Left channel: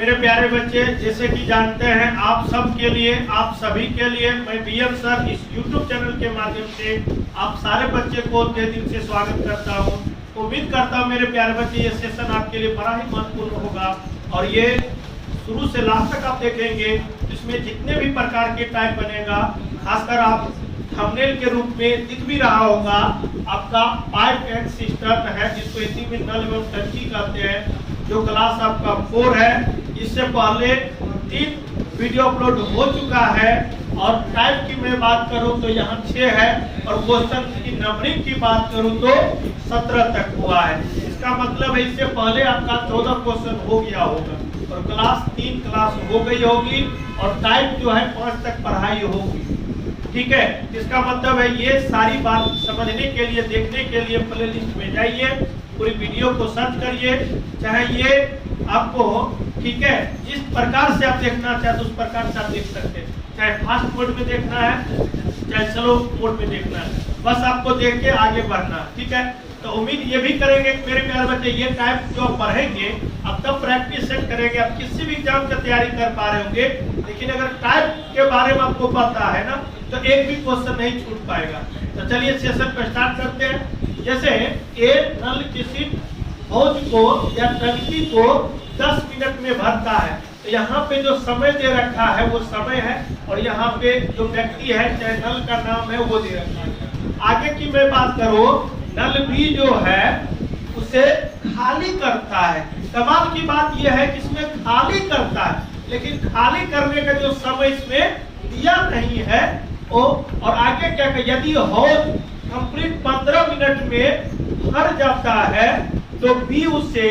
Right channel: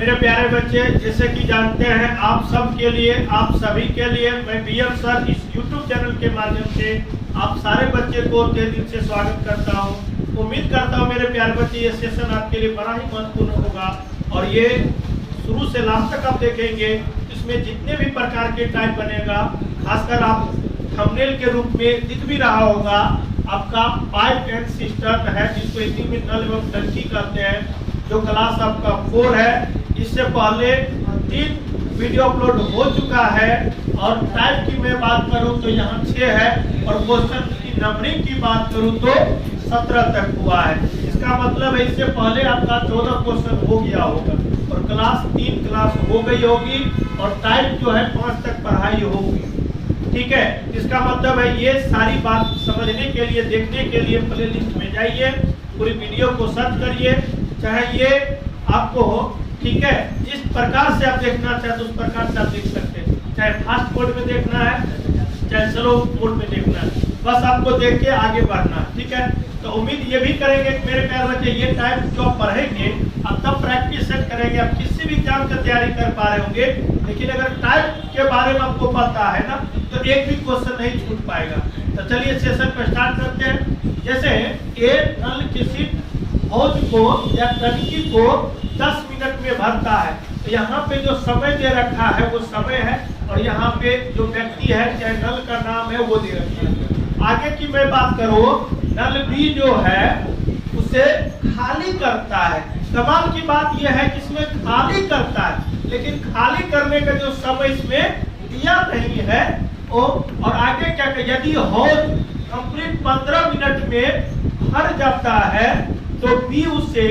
मेरे प्यारे बच्चे, जैसे कि जानते हैं आप सब के लिए, आप सभी के लिए मैं डीएम सर इस YouTube चैनल के माध्यम से आप सारे बच्चे को तहे दिल से स्वागत करता हूं। उम्मीद करता हूं मेरे प्यारे बच्चे ये सेशन आपके लिए बड़ा ही महत्वपूर्ण होगा और ये शुरू से लास्ट तक आप देखेंगे। इसमें जितने भी प्रकार के टाइप बनेगा, खासकर आप थंबनेल के रूप में दिख भी रहा होगा, आपका पाइप एंड सिस्टम है जिसको हिंदी में नल एवं टंकी कहते हैं, जो क्लास आपका 4 है। इससे पहले 3 वीडियो अपलोड हो चुका है और टाइप की मैं बात करूं तो यहाँ 6 है और क्वेश्चन की नंबरिंग की बात करूं तो 17 तक हुआ है। इसका मतलब है इससे पहले आपका 14 क्वेश्चन हो गया होगा और क्लास 3 क्लास हो गई होगी और टाइप जो है 5 तक पढ़ाई होगी। ठीक है, इसका मतलब है ये सारी बात समझने के लिए, देखने के लिए प्लेलिस्ट में जाइए, पूरी वीडियो को सर्च करिए, चाहे ये आपको ठीक है जिस प्रकार से आप देखना चाहते उस प्रकार से आप देख सकते हैं, चाहे फास्ट मोड में देखना है चाहे स्लो मोड में देखना है, बस आपको देख के आगे बढ़ना। ठीक है, तो उम्मीद ये भी करेंगे कि मेरे प्यारे बच्चे ये टाइप जो आप पढ़ेंगे अब तब प्रैक्टिस सेट करेंगे, आप किसी भी एग्जाम की तैयारी कर पा रहे होंगे, लेकिन अगर टाइप के बारे में आपको पता है ना तो एक भी क्वेश्चन नहीं छूट पाएगा। तो चलिए सेशन को स्टार्ट करते हैं। जैसे ए नल किसी हौज को या टंकी को 10 मिनट में भरता है, तो यहाँ पे जो समय दे रखा है वो समय है और यहाँ पे जो व्यक्ति है चाहे नल का नाम है वो दे रखा है। आगे की मैं बात करूँ, नल भी जो है उसे खाली करता है। कमाल की बात यह है कि इसमें खाली करता है, लेकिन खाली करने का जो समय इसमें दिया नहीं है और आगे क्या यदि हौज कंप्लीट 15 मिनट में भर जाता है तो बी उसे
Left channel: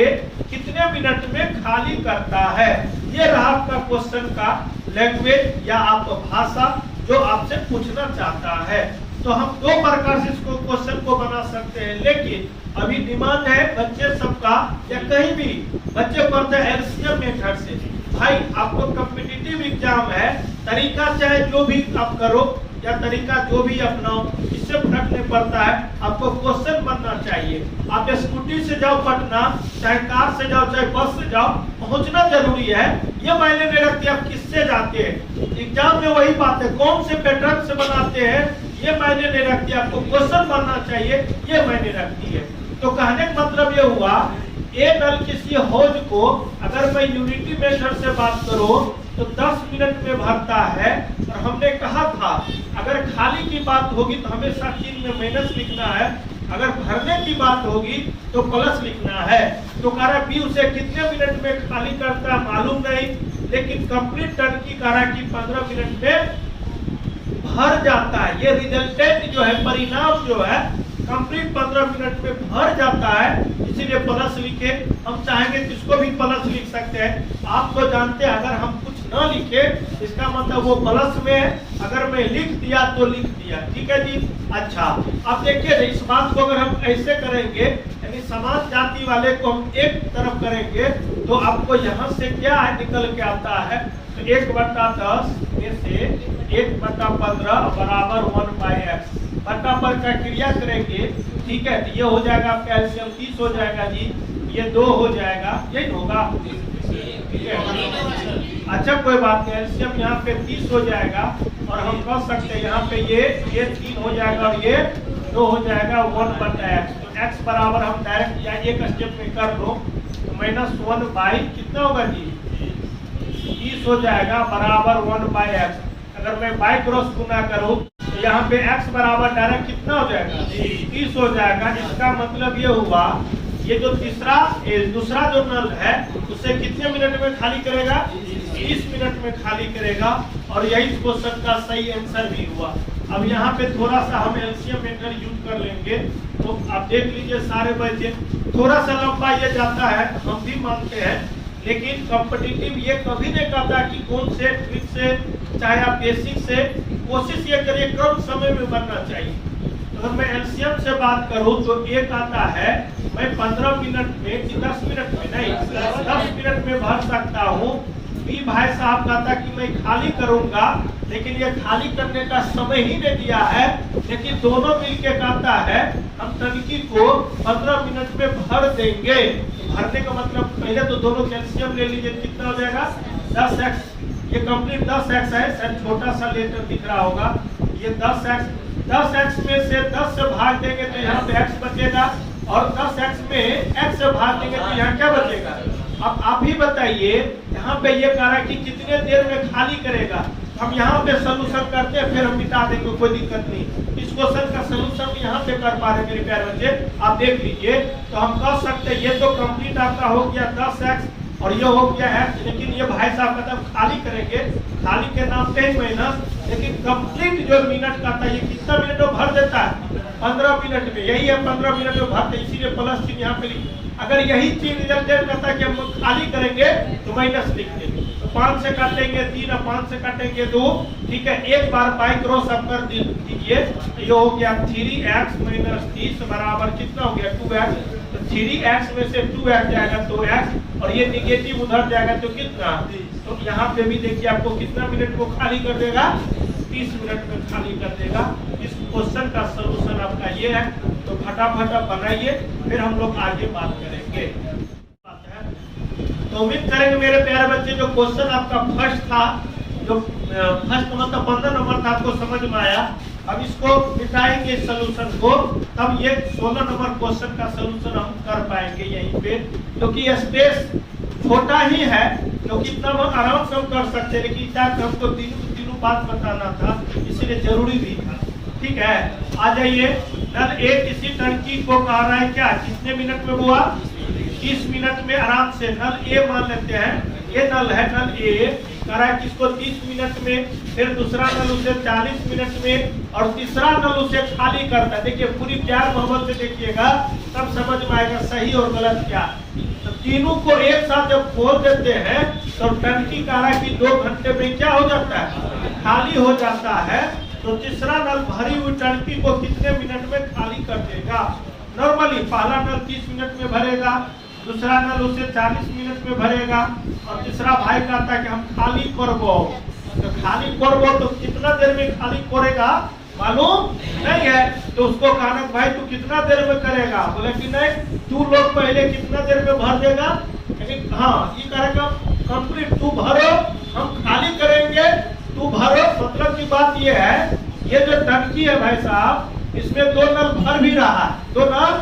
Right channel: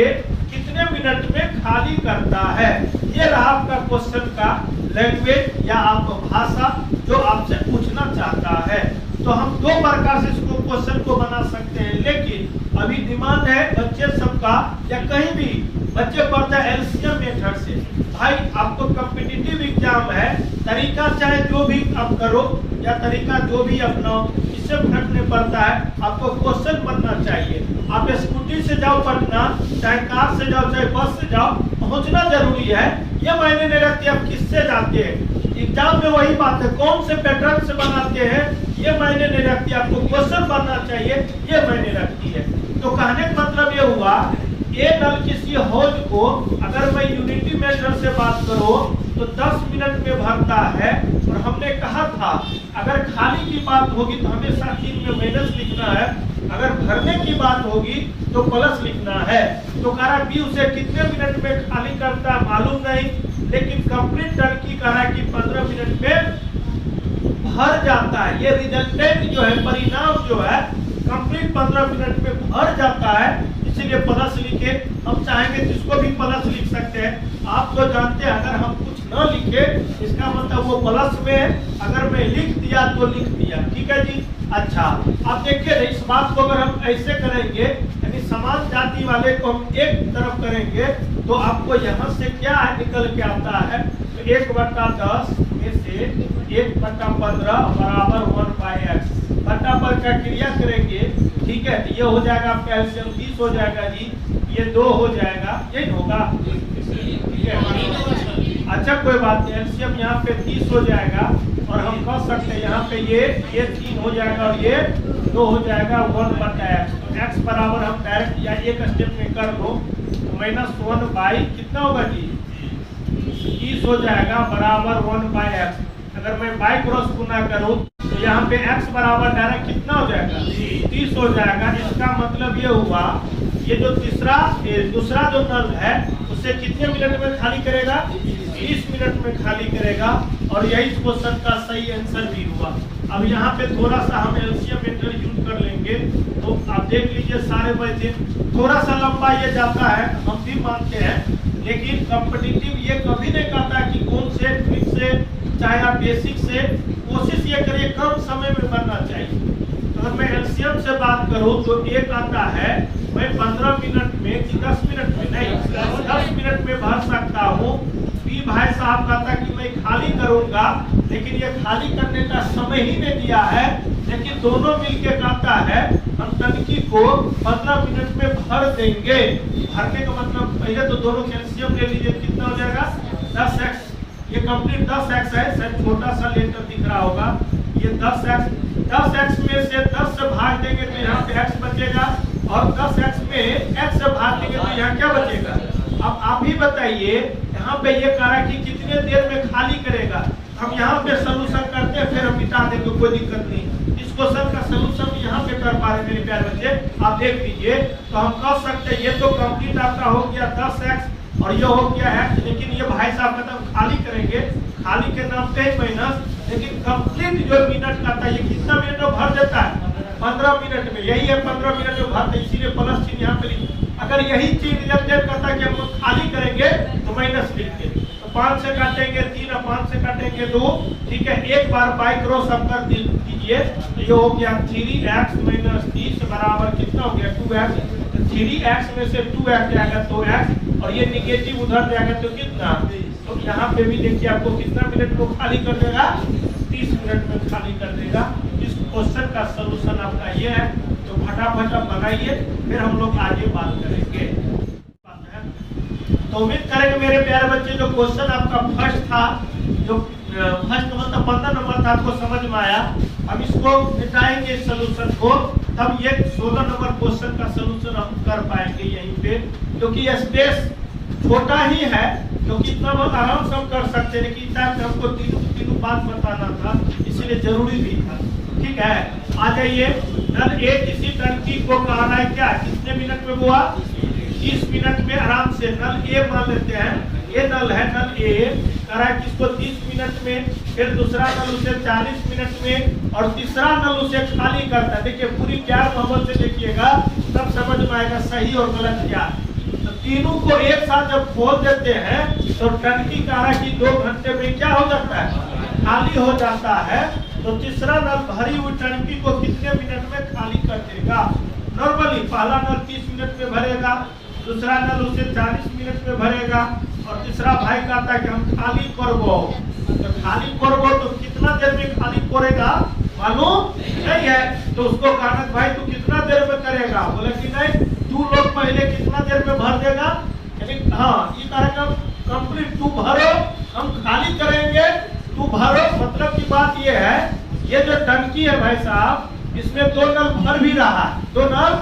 कितने मिनट में खाली करता है। ये रहा आपका क्वेश्चन का लैंग्वेज या आप भाषा जो आपसे पूछना चाहता है। तो हम 2 प्रकार से इसको क्वेश्चन को बना सकते हैं, लेकिन अभी डिमांड है बच्चे सबका या कहीं भी बच्चे पढ़ते हैं एलसीएम मेथड से। भाई आपको कॉम्पिटिटिव एग्जाम है, तरीका चाहे जो भी आप करो या तरीका जो भी अपनाओ इससे फर्क नहीं पड़ता है, आपको क्वेश्चन बनना चाहिए। आप स्कूटी से जाओ पटना, चाहे कार से जाओ चाहे बस से जाओ, पहुंचना जरूरी है। ये मायने नहीं रखती आप किससे जाते हैं, एग्जाम में वही बात है कौन से पैटर्न से बनाते हैं ये मायने नहीं रखती, आपको क्वेश्चन बनना चाहिए ये मायने रखती है। तो कहने का मतलब ये हुआ ए नल किसी हौज को अगर मैं यूनिटी मेथड से बात करूं तो 10 मिनट में भरता है और हमने कहा था अगर खाली की बात होगी तो हमेशा चीज में माइनस लिखना है, अगर भरने की बात होगी तो प्लस लिखना है। तो कह रहा बी उसे कितने मिनट में खाली करता है मालूम नहीं, लेकिन कंप्लीट टंकी कह रहा कि 15 मिनट में भर जाता है। ये रिजल्टेंट जो है परिणाम जो है कंप्लीट 15 मिनट में भर जाता है, इसीलिए प्लस लिखे। हम चाहेंगे तो इसको भी प्लस लिख सकते हैं। आप तो जानते हैं अगर हम कुछ न लिखे इसका मतलब वो प्लस में है, अगर मैं लिख दिया तो लिख दिया। ठीक है जी। अच्छा, अब देखिए इस बात को अगर हम ऐसे करेंगे यानी समाज जाति वाले को हम एक तरफ करेंगे तो आपको यहाँ से क्या है निकल के आता है, तो 1/10 में से 1/15 बराबर 1/x बटा पर क्रिया करेंगे। ठीक है, तो ये हो जाएगा आपका एलसीएम 30 हो जाएगा जी, ये 2 हो जाएगा, ये होगा। ठीक है, अच्छा कोई बात नहीं, एलसीएम यहाँ पे 30 हो जाएगा और हम कह सकते हैं यहाँ पे ये 3 हो जाएगा और ये 2 हो जाएगा 1/x। x बराबर हम डायरेक्ट या एक स्टेप में कर दो तो -1 कितना होगा जी 30 हो जाएगा बराबर 1/x। अगर मैं बाई क्रॉस गुना करूँ तो यहाँ पे x बराबर डायरेक्ट कितना हो जाएगा 30 हो जाएगा। इसका मतलब ये हुआ ये जो दूसरा जो नल है उसे कितने मिनट में खाली करेगा 30 मिनट में खाली करेगा और यही क्वेश्चन का सही आंसर भी हुआ। अब यहाँ पे थोड़ा सा हम एलसीएम मेथड यूज कर लेंगे तो आप देख लीजिए सारे बच्चे थोड़ा सा लंबा ये जाता है हम भी मानते हैं, लेकिन कॉम्पिटिटिव ये कभी नहीं कहता कि कौन से ट्रिक से चाहे आप बेसिक से कोशिश ये करिए कम समय में बनना चाहिए। तो अगर मैं एलसीएम से बात करूं तो एक आता है मैं 15 मिनट में 10 मिनट में नहीं 10 मिनट में भर सकता हूँ। बी भाई साहब कहता कि मैं खाली करूंगा, लेकिन ये खाली करने का समय ही नहीं दिया है, लेकिन दोनों मिलके कहता है हम टंकी को 15 मिनट में भर देंगे। भरने का मतलब पहले तो दोनों कैल्शियम ले लीजिए, कितना हो जाएगा 10x। ये कंप्लीट 10x है, शायद छोटा सा लेटर दिख रहा होगा। ये 10x में से 10 से भाग देंगे तो यहाँ पे x बचेगा, और 10x में x से भाग देंगे तो यहाँ क्या बचेगा। अब आप ही बताइए, यहाँ पे ये कह रहा है कि कितने देर में खाली करेगा। हम यहाँ पे सोल्यूशन करते हैं, फिर हम मिटा देंगे, कोई दिक्कत नहीं। इस क्वेश्चन का सोल्यूशन यहाँ पे कर पा रहे मेरे प्यारे बच्चे, आप देख लीजिए। तो हम कह सकते हैं ये तो कंप्लीट आपका हो गया 10x और ये हो गया x, लेकिन ये भाई साहब मतलब खाली करेंगे, खाली के नाम पे माइनस, लेकिन कंप्लीट जो मिनट का था ये कितना मिनट में भर देता है 15 मिनट में। यही है 15 मिनट में भरते, इसीलिए प्लस चिन्ह यहाँ पे। अगर यही चीज रिजल्ट करता है कि हम लोग खाली करेंगे तो माइनस लिखते, तो 5 से काटेंगे 3 और 5 से काटेंगे 2, ठीक है। एक बार बाई क्रॉस सब कर दीजिए, तो ये हो गया 3x माइनस 30 बराबर कितना हो गया 2x। तो 3x में से 2x जाएगा 2x, और ये निगेटिव उधर जाएगा तो कितना। तो यहाँ पे भी देखिए आपको कितना मिनट को खाली कर देगा, 30 मिनट में खाली कर देगा। इस क्वेश्चन का सोल्यूशन आपका ये है, तो फटाफट आप बनाइए, फिर हम लोग आगे बात करेंगे। तो उम्मीद करेंगे मेरे प्यारे बच्चे, जो क्वेश्चन आपका फर्स्ट था, जो फर्स्ट मतलब 15 नंबर था, आपको समझ में आया। अब इसको मिटाएंगे सोल्यूशन को, तब ये 16 नंबर क्वेश्चन का सोल्यूशन हम कर पाएंगे यहीं पे, क्योंकि स्पेस छोटा ही है, तो कितना बहुत आराम से हम कर सकते हैं, लेकिन हमको तीनों बात बताना था, इसीलिए जरूरी भी था। ठीक है, आ जाइए। नल ए किसी टंकी को कह रहा है क्या, कितने मिनट में हुआ 30 मिनट में आराम से। नल ए मान लेते हैं, ये नल है, नल ए कह रहा है किसको 30 मिनट में, फिर दूसरा नल उसे 40 मिनट में, और तीसरा नल उसे खाली करता है। देखिए पूरी प्यार मोहब्बत से देखिएगा, तब समझ में आएगा सही और गलत क्या। तो तीनों को एक साथ जब खोल देते हैं तो टंकी कह रहा है कि 2 घंटे में क्या हो जाता है, खाली हो जाता है। तो तीसरा नल भरी हुई टंकी को कितने मिनट में खाली कर देगा। नॉर्मली पहला नल 30 मिनट में भरेगा, दूसरा नल उसे 40 मिनट में भरेगा, और तीसरा भाई कहता है कि हम खाली करबो। तो खाली करबो तो कितना देर में खाली करेगा मालूम नहीं है। तो उसको कहना भाई तू कितना देर में करेगा, बोले कि नहीं तू लोग पहले कितना देर में भर देगा। लेकिन हाँ ये करेगा कंप्लीट, तू भरो हम खाली करेंगे, तू भरो। मतलब की बात ये है, ये जो टंकी है भाई साहब, इसमें 2 नल भर भी रहा है, 2 नल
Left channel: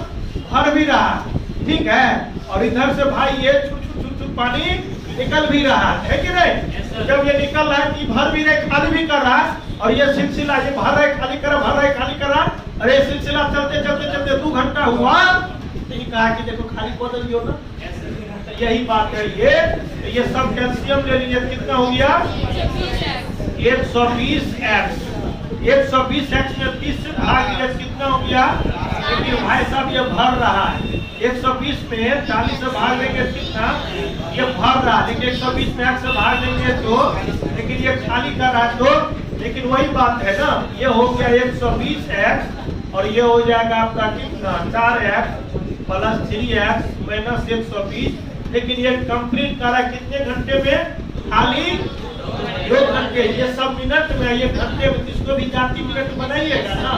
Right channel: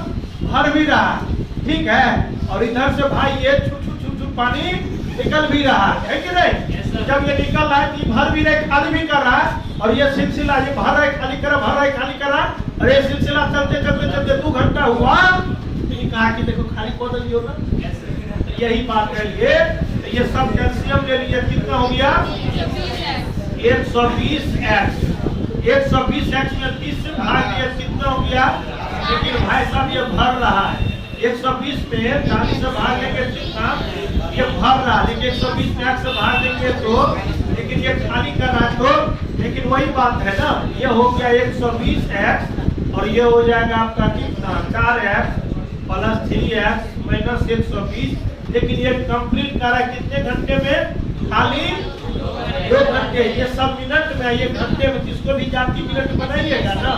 भर भी रहा है, ठीक है। और इधर से भाई ये छुट पानी निकल भी रहा है कि नहीं। जब ये निकल रहा है कि भर भी रहे खाली भी कर रहा है, और ये सिलसिला ये भर रहा है खाली कर रहा, भर रहा है खाली कर रहा, और ये सिलसिला चलते चलते चलते 2 घंटा हुआ, तो ये कहा कि देखो खाली कर दियो ना। तो यही बात है, ये सब कैल्शियम ले लिया, कितना हो गया 120x। 120x में 30 से भाग दिया, कितना हो गया। लेकिन भाई साहब ये भर रहा है, 120 में 40 से भाग लेंगे कितना, ये भर रहा है, लेकिन 120 में 8 से भाग लेंगे तो, लेकिन ये खाली कर रहा है तो, लेकिन वही बात है ना, ये हो गया 120x, और ये हो जाएगा आपका कितना 4x प्लस 3x माइनस 120। लेकिन ये कंप्लीट कर रहा है कितने घंटे में, खाली 2 घंटे। ये सब मिनट में, ये घंटे में, किसको भी जाती मिनट बनाइएगा ना,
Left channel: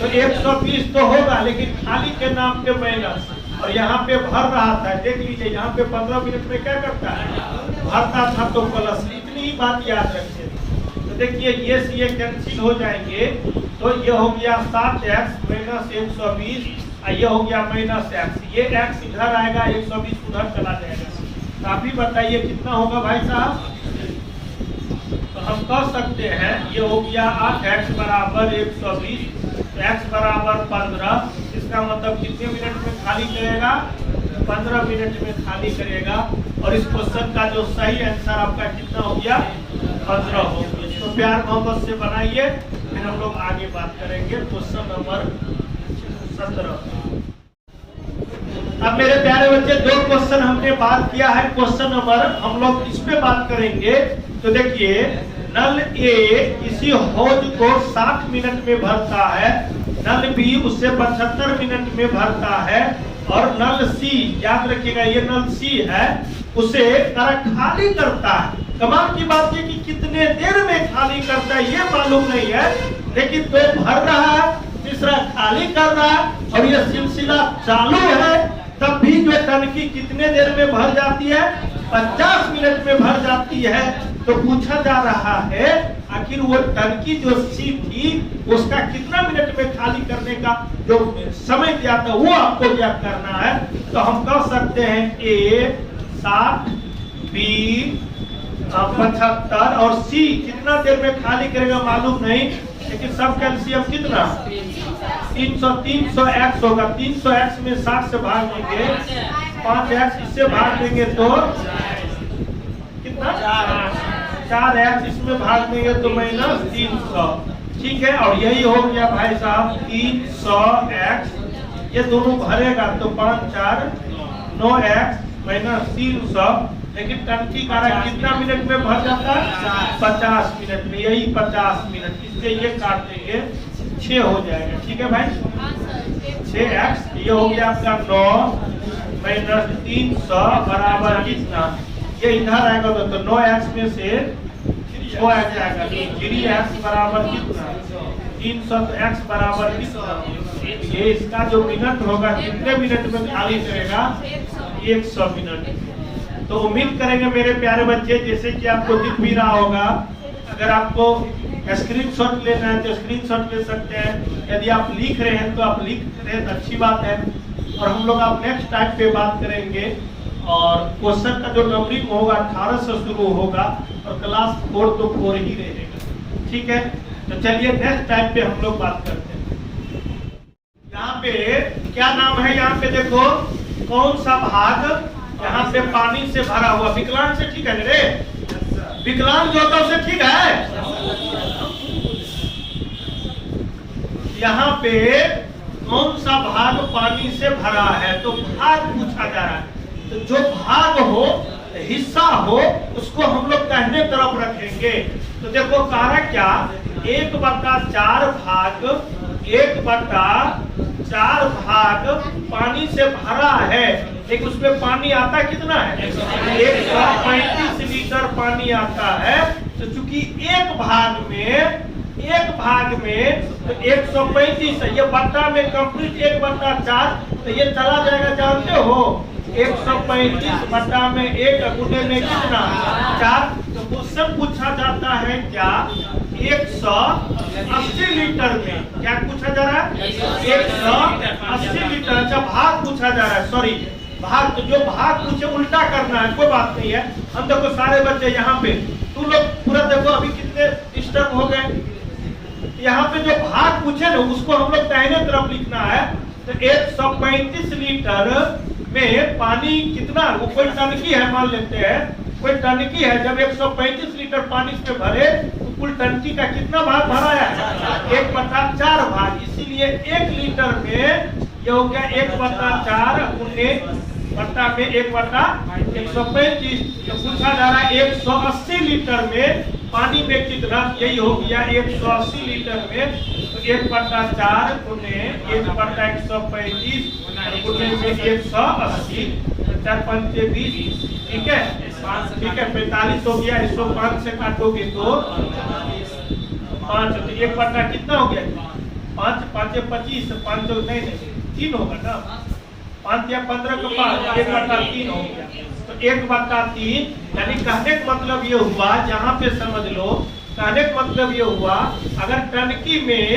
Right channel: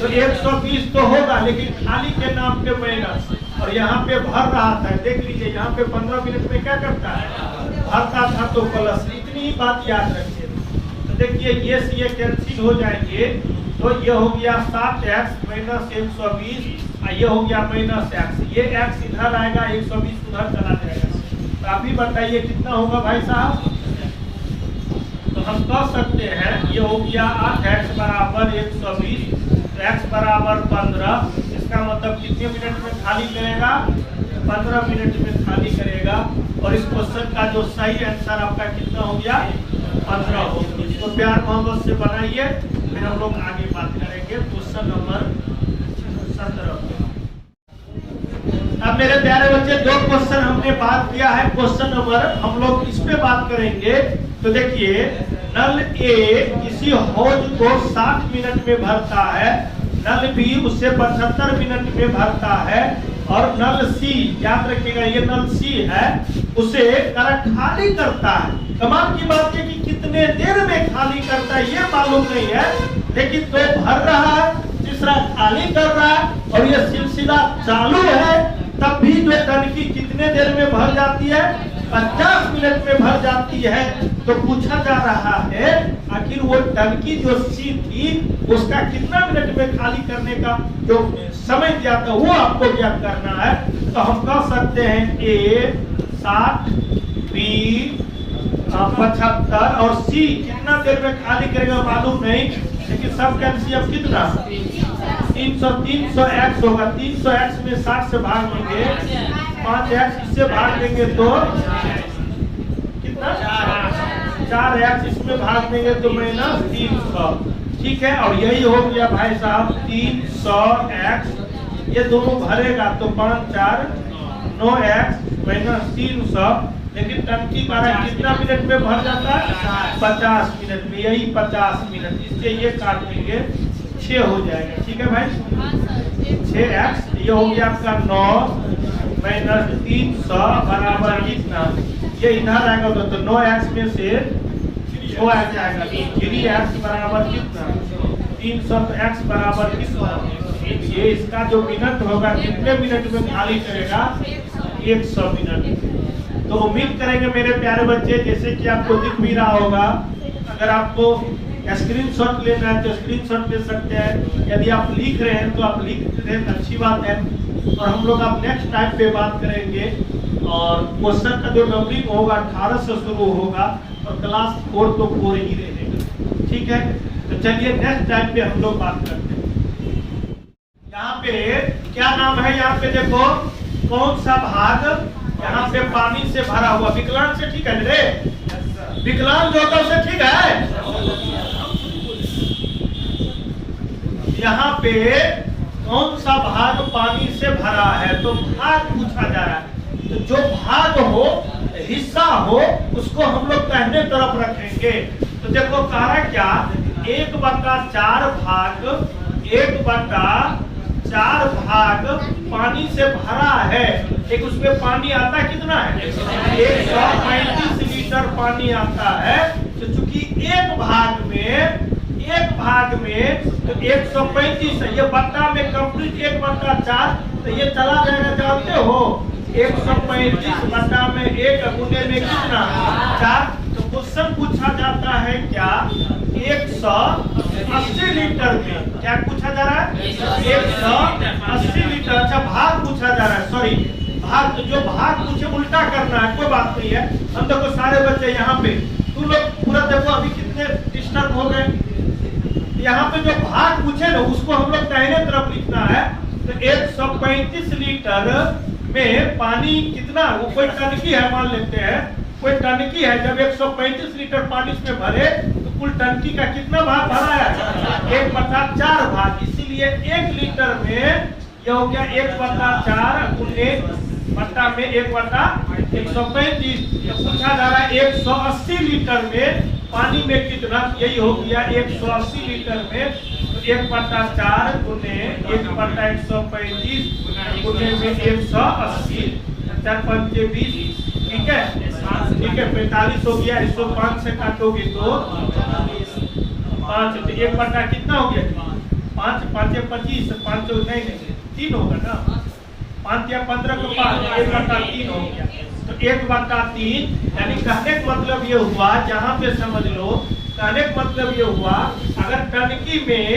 तो 120 तो होगा, लेकिन खाली के नाम पे माइनस, और यहाँ पे भर रहा था। देख लीजिए यहाँ पे 15 मिनट में क्या करता है, भरता था तो प्लस। इतनी ही बात याद रखिए। तो देखिए ये कैंसिल हो जाएंगे, तो ये हो गया 7x माइनस 120, ये हो गया माइनस x। ये x इधर आएगा, 120 उधर चला जाएगा। तो आप ही बताइए कितना होगा भाई साहब। तो हम कह सकते हैं ये हो गया 8x बराबर 120, तो x बराबर 15। इसका मतलब कितने मिनट में खाली करेगा, 15 मिनट में खाली करेगा। और इस क्वेश्चन का जो सही आंसर आपका कितना हो गया 15 हो गया। तो प्यार मोहब्बत से बनाइए, फिर हम लोग आगे बात करेंगे क्वेश्चन नंबर 17। अब मेरे प्यारे बच्चे 2 क्वेश्चन हमने बात किया है, क्वेश्चन नंबर हम लोग इस पे बात करेंगे। तो देखिए नल ए किसी हौज को 60 मिनट में भरता है, नल बी उससे 75 मिनट में भरता है, और नल सी, याद रखिएगा ये नल सी है, उसे खाली करता है। कमाल की बात है कि कितने देर में खाली करता है ये मालूम नहीं है, लेकिन दो भर रहा है, तीसरा खाली कर रहा है और ये सिलसिला चालू है, तब भी जो टंकी कितने देर में भर जाती है? 50 मिनट में भर जाती है। तो पूछा जा रहा है आखिर वो टंकी जो सी थी उसका कितना मिनट में खाली करने का जो समय दिया था वो आपको ज्ञात करना है। तो हम कह सकते हैं ए 60, बी 75 और सी कितना देर में खाली करेगा मालूम नहीं, लेकिन सब कैल्शियम कितना 300 300x होगा। 300x में 60 से भाग देंगे, 5x इससे भाग देंगे तो कितना 4x इसमें भाग देंगे तो -300। ठीक है, और यही हो गया भाई साहब 300x, ये दोनों भरेगा तो 5 4 9x -300। लेकिन टंकी का कितना मिनट में भर जाता है? 50 मिनट में। यही 50 मिनट, इससे ये काट देंगे 6 हो जाएगा। ठीक है भाई, 6x ये हो गया आपका 9 -300 बराबर कितना? ये इधर आएगा तो 9x में से 6x आएगा तो 3x बराबर कितना? 300। तो x बराबर कितना? ये इसका जो मिनट होगा कितने मिनट में खाली करेगा? 100 मिनट। तो उम्मीद करेंगे मेरे प्यारे बच्चे, जैसे कि आपको दिख भी रहा होगा, अगर आपको स्क्रीनशॉट लेना है तो स्क्रीनशॉट ले सकते हैं। यदि आप लिख रहे हैं तो आप लिख रहे हैं, अच्छी बात है। और हम लोग आप नेक्स्ट टाइप पे बात करेंगे और क्वेश्चन का जो नंबरिंग होगा 18 से शुरू होगा और क्लास 4 तो 4 ही रहेगी। ठीक है, तो चलिए नेक्स्ट टाइप पे हम लोग बात करते हैं। यहाँ पे क्या नाम है? यहाँ पे देखो कौन सा भाग यहाँ पे पानी से भरा हुआ? विकलांग से ठीक है रे? विकलांग जो होता है उसे ठीक है। यहाँ पे कौन सा भाग पानी से भरा है? तो भाग पूछा जा रहा है। तो जो भाग हो, हिस्सा हो, उसको हम लोग दाहिने तरफ रखेंगे। तो देखो सारा क्या 1/4 भाग 1/4 भाग पानी से भरा है। एक उसमें पानी आता कितना है? 135 लीटर पानी आता है। तो चूंकि एक भाग में तो 135 है, ये बट्टा में कंप्लीट 1/4, तो ये चला जाएगा, जानते हो 135 बट्टा में 1 गुने में कितना 4। तो क्वेश्चन पूछा जाता है क्या 180 लीटर में? क्या पूछा जा रहा है? 180 लीटर। अच्छा भाग पूछा जा रहा है, सॉरी भाग। तो जो भाग पूछे उल्टा करना है, कोई बात नहीं है। हम देखो सारे बच्चे यहाँ पे, तुम लोग पूरा देखो अभी कितने डिस्टर्ब हो गए। यहाँ पे जो भाग पूछे ना उसको हम लोग दाहिने तरफ लिखना है। तो 135 लीटर में पानी कितना? वो कोई टंकी है मान लेते हैं, कोई टंकी है। जब 135 लीटर पानी इसमें भरे तो कुल टंकी का कितना भाग भरा है? 1/4 भाग। इसीलिए 1 लीटर में ये हो गया 1/4 गुने बट्टा में 1/135। तो पूछा जा रहा है 180 लीटर में पानी में कितना? यही हो गया 180 लीटर में 1/4 गुने 1/135 गुने में 180। 4 5 20। ठीक है, ठीक है 45 हो गया। इसको 5 से काटोगे तो 5। तो 1/, कितना हो गया? 5 5 25, 5 नहीं 3 होगा ना। 5 या 15 को 5, 1/3 हो गया। तो 1/3 यानी कहने का मतलब ये हुआ, यहाँ पे समझ लो, कहने का मतलब ये हुआ अगर टंकी में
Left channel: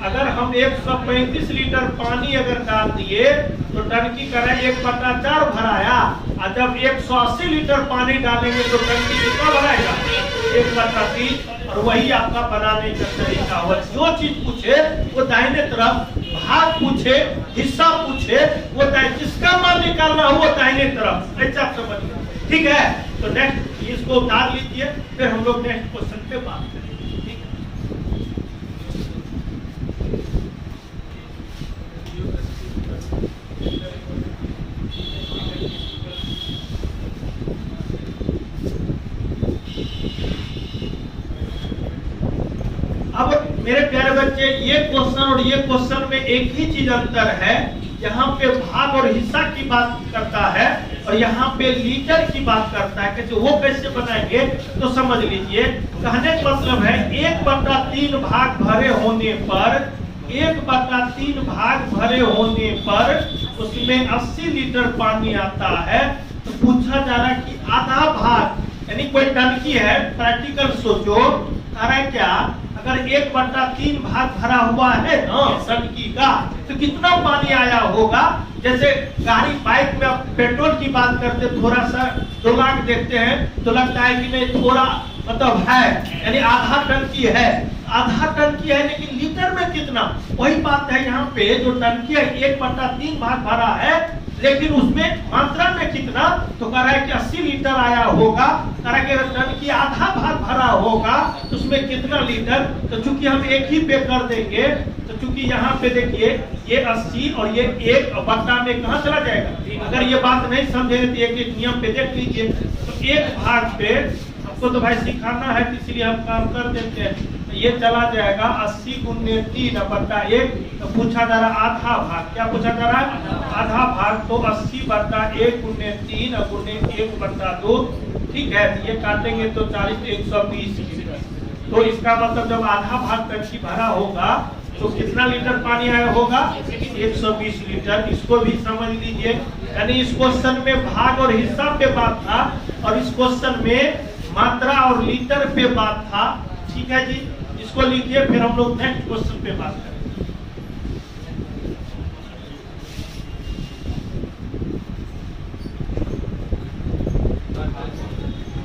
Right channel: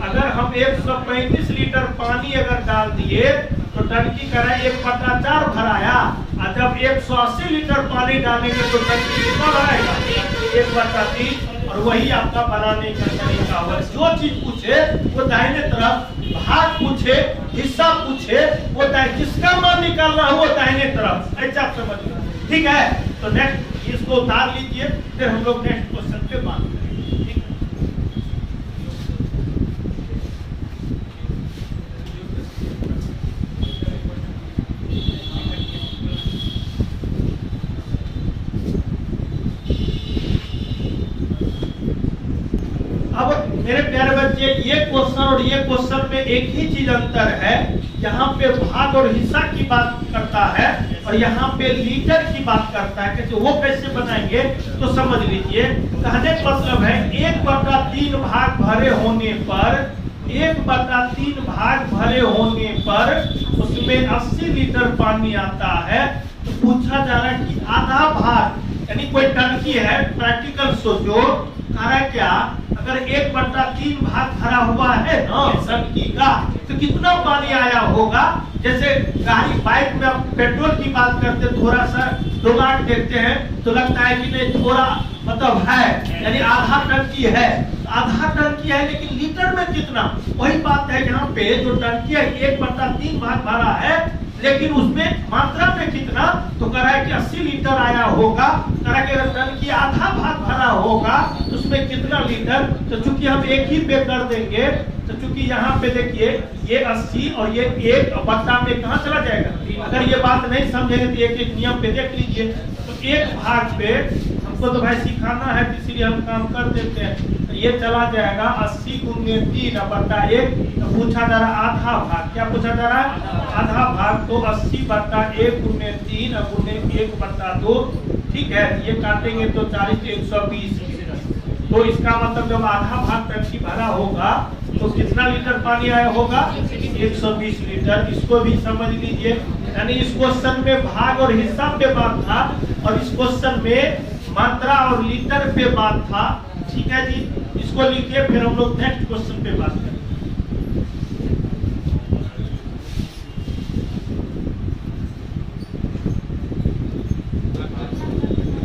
अगर हम 135 लीटर पानी अगर डाल दिए तो टंकी का 1/4 भराया, और जब 180 लीटर पानी डालेंगे तो टंकी कितना बनाएगा? 1/3। और वही आपका बनाने का तरीका हुआ। जो चीज पूछे वो दाहिने तरफ, भाग पूछे, हिस्सा पूछे वो जिसका मान निकालना हो वो दाहिने तरफ, ऐसा आप समझिए। ठीक है, तो नेक्स्ट इसको उतार लीजिए, फिर हम लोग नेक्स्ट क्वेश्चन पे बात करेंगे। अब मेरे प्यारे बच्चे, ये क्वेश्चन और ये क्वेश्चन में एक ही चीज अंतर है। यहाँ पे भाग और हिस्सा की बात करता है और यहाँ पे लीटर की बात करता है कि वो कैसे बनाएंगे तो समझ लीजिए। कहने का मतलब है 1/3 भाग भरे होने पर 1/3 भाग भरे होने पर उसमें 80 लीटर पानी आता है। तो पूछा जा रहा है कि आधा भाग यानी कोई टंकी है, प्रैक्टिकल सोचो, आ रहा है क्या, अगर 1/3 भाग भरा हुआ है ना टंकी का तो कितना पानी आया होगा। जैसे गाड़ी बाइक में आप पेट्रोल की बात करते थोड़ा सा डोला के देखते हैं तो लगता है कि नहीं थोड़ा मतलब है, यानी आधा टंकी है, आधा टंकी है, लेकिन लीटर में कितना, वही बात है यहाँ पे। जो टंकी है 1/3 भाग भरा है, लेकिन उसमें मात्रा में कितना, तो कह रहा है कि 80 लीटर आया होगा। कह रहा है कि टंकी आधा भाग भरा होगा तो उसमें कितना लीटर, तो चूंकि हम एक ही पे कर देंगे तो चूंकि यहाँ पे देखिए ये 80 और ये 1/, में कहाँ चला जाएगा। अगर ये बात नहीं समझेंगे तो एक नियम पे देख लीजिए। तो एक भाग पे हमको तो भाई सिखाना है इसलिए हम काम कर देते हैं। तो ये चला जाएगा 80 × 3/1। तो पूछा जा रहा आधा भाग, क्या पूछा जा रहा है, आधा भाग। तो 80/1 × 3 × 1/2, ठीक है। ये काटेंगे तो 40 120। तो इसका मतलब जब आधा भाग टंकी भरा होगा तो कितना लीटर पानी आया होगा, 120 लीटर। इसको भी समझ लीजिए, यानी इस क्वेश्चन में भाग और हिस्सा पे बात था और इस क्वेश्चन में मात्रा और लीटर पे बात था, ठीक है जी। इसको लिखिए, फिर हम लोग नेक्स्ट क्वेश्चन पे बात करें।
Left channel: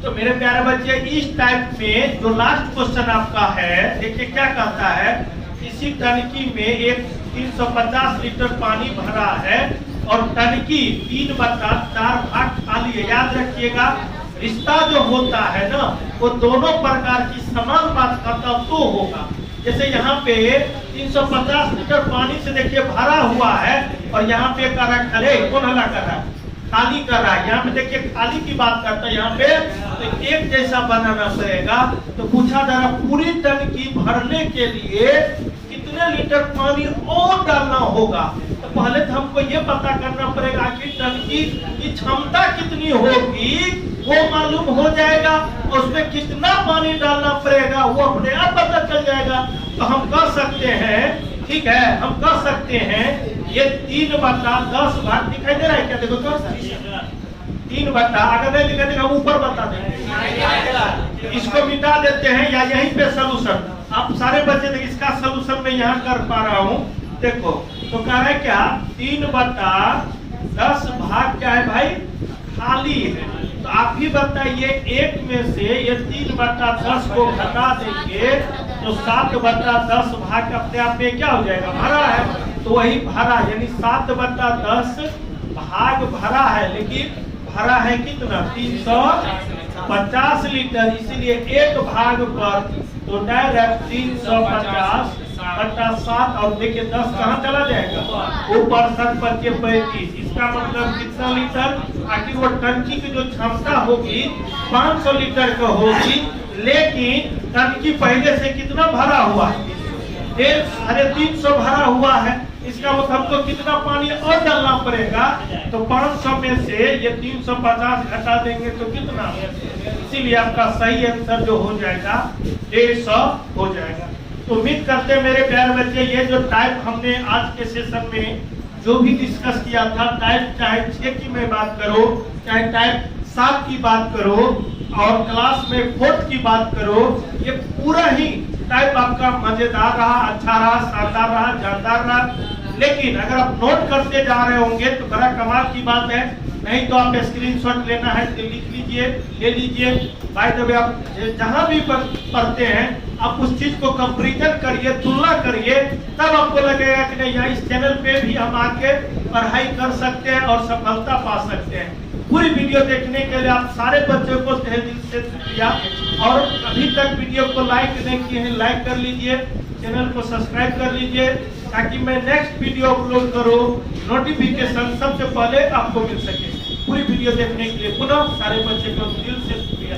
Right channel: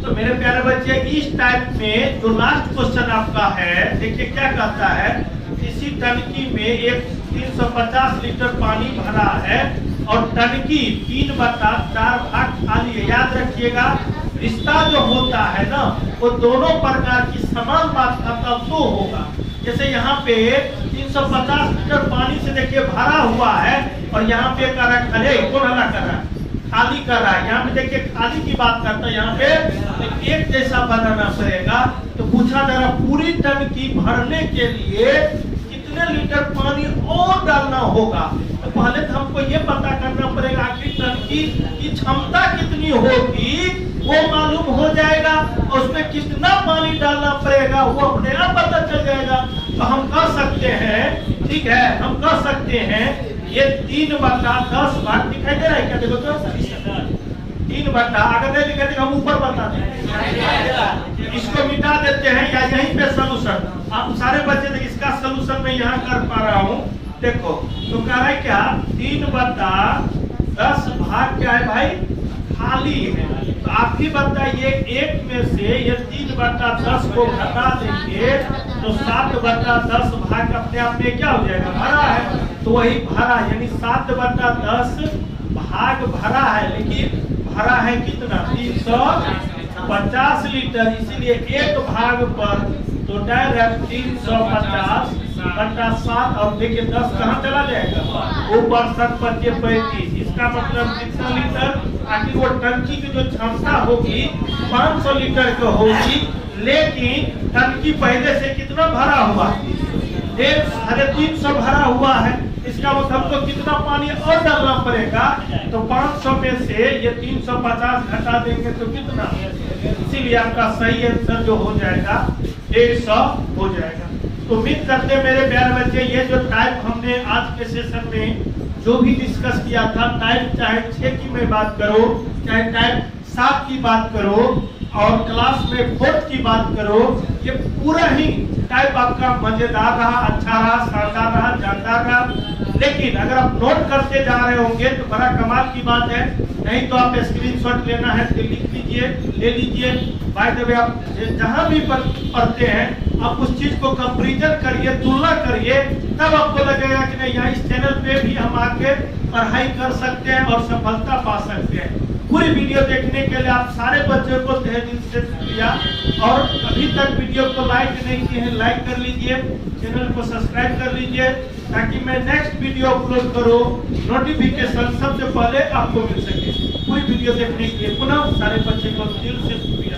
तो मेरे प्यारे बच्चे इस टाइप में जो लास्ट क्वेश्चन आपका है, देखिए क्या कहता है, इसी टंकी में एक 350 लीटर पानी भरा है और टंकी 3/4 भाग खाली है। याद रखिएगा रिश्ता जो होता है ना वो दोनों प्रकार की समान मात्रा का तो होगा। जैसे यहाँ पे 350 लीटर पानी से देखिए भरा हुआ है और यहाँ पे कर रहा है खाली, कौन हला कर रहा है, खाली कर रहा है। यहाँ पे देखिए खाली की बात करता है, यहाँ पे तो एक जैसा बनाना पड़ेगा। तो पूछा जा रहा पूरी टंकी भरने के लिए कितने लीटर पानी और डालना होगा। तो पहले तो हमको ये पता करना पड़ेगा कि टंकी की क्षमता कितनी होगी, वो मालूम हो जाएगा। उसमें कितना पानी डालना पड़ेगा वो अपने आप पता चल जाएगा। तो हम कर सकते हैं, ठीक है, हम कर सकते हैं ये 3/10 भाग दिखाई दे रहा है क्या, देखो तो 3/, अगर नहीं दिखाई देगा हम ऊपर बता देंगे। इसको मिटा देते हैं या यहीं पे सोल्यूशन, आप सारे बच्चे देख इसका सोल्यूशन मैं यहाँ कर पा रहा हूँ। देखो तो कह रहे क्या 3/10 भाग क्या है भाई, खाली है। तो आप ही बताइए एक में से ये 3/10 को घटा देंगे तो 7/10 भाग अपने आप में क्या हो जाएगा, भरा है। तो वही भरा यानी 7/10 भाग भरा है, लेकिन भरा है कितना 350 लीटर, इसीलिए एक भाग पर तो डायरेक्ट 350/7 और देखिए 10 कहाँ चला जाएगा, ऊपर 7×5 इसका मतलब कितना लीटर। आखिर वो टंकी की जो क्षमता होगी 500 लीटर की होगी, लेकिन टंकी पहले से कितना भरा हुआ, 350 भरा हुआ है। इसका मतलब तो कितना पानी और डालना पड़ेगा, तो 500 में से ये 350 घटा देंगे तो कितना, इसीलिए आपका सही आंसर जो हो जाएगा 150 हो जाएगा। तो उम्मीद करते हैं मेरे प्यारे बच्चे ये जो टाइप हमने आज के सेशन में जो भी डिस्कस किया था, टाइप चाहे 6 की मैं बात करो, चाहे टाइप 7 की बात करो और क्लास में 4th की बात करो, ये पूरा ही टाइप आपका मजेदार रहा, अच्छा रहा, शानदार रहा, जानदार रहा। लेकिन अगर आप नोट करते जा रहे होंगे तो बड़ा कमाल की बात है, नहीं तो आप स्क्रीनशॉट लेना है तो लिख लीजिए, ले लीजिए। बाय द वे आप जहाँ भी पढ़ते हैं आप उस चीज को कंपैरिजन करिए, तुलना करिए, तब आपको लगेगा कि नहीं यार इस चैनल पे भी हम आके पढ़ाई कर सकते हैं और सफलता पा सकते हैं। पूरी वीडियो देखने के लिए आप सारे बच्चों को तहे दिल से शुक्रिया। और अभी तक वीडियो को लाइक नहीं किए हैं लाइक कर लीजिए, चैनल को सब्सक्राइब कर लीजिए ताकि मैं नेक्स्ट वीडियो अपलोड करूं नोटिफिकेशन सबसे पहले आपको मिल सके। पूरी वीडियो देखने के लिए पुनः सारे बच्चों को दिल से शुक्रिया।